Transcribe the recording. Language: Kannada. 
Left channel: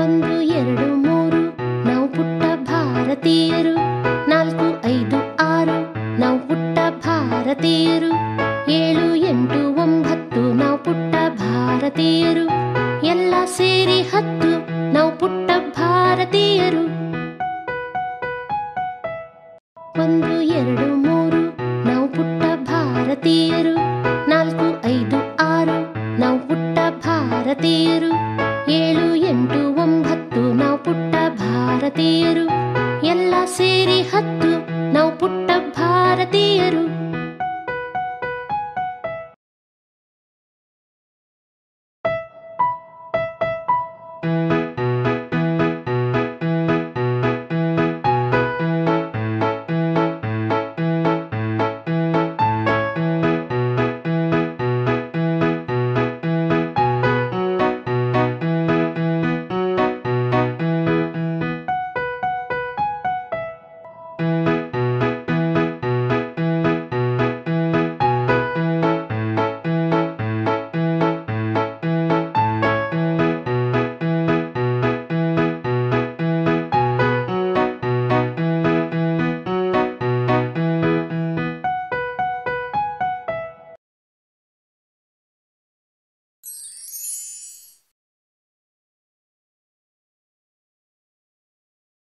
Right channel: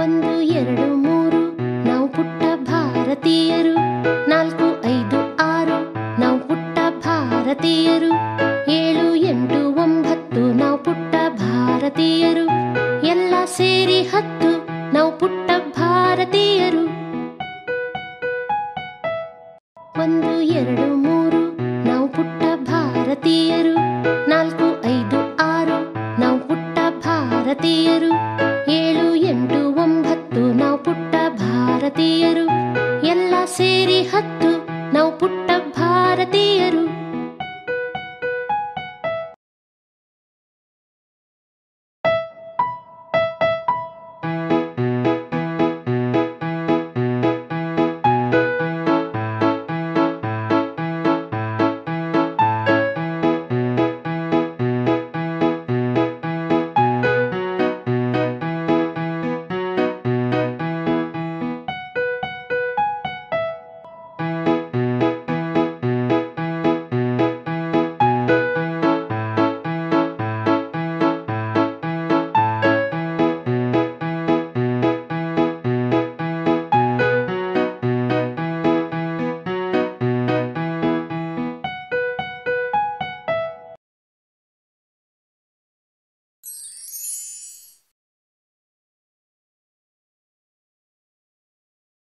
ಒಂದು ಎರಡು ಮೂರು ನಾವು ಪುಟ್ಟ ಭಾರತೀಯರು. 4 5 6 ನಾವು ಪುಟ್ಟ ಭಾರತೀಯರು. 7 8 9 ನಾವು ಪುಟ್ಟ ಭಾರತೀಯರು. ಎಲ್ಲ ಸೇರಿ 10 ನಾವು ಪುಟ್ಟ ಭಾರತೀಯರು. 1 2 3 ನಾವು ಪುಟ್ಟ ಭಾರತೀಯರು. 4 5 6 ನಾವು ಪುಟ್ಟ ಭಾರತೀಯರು. 7 8 9 ನಾವು ಪುಟ್ಟ ಭಾರತೀಯರು. ಎಲ್ಲ ಸೇರಿ 10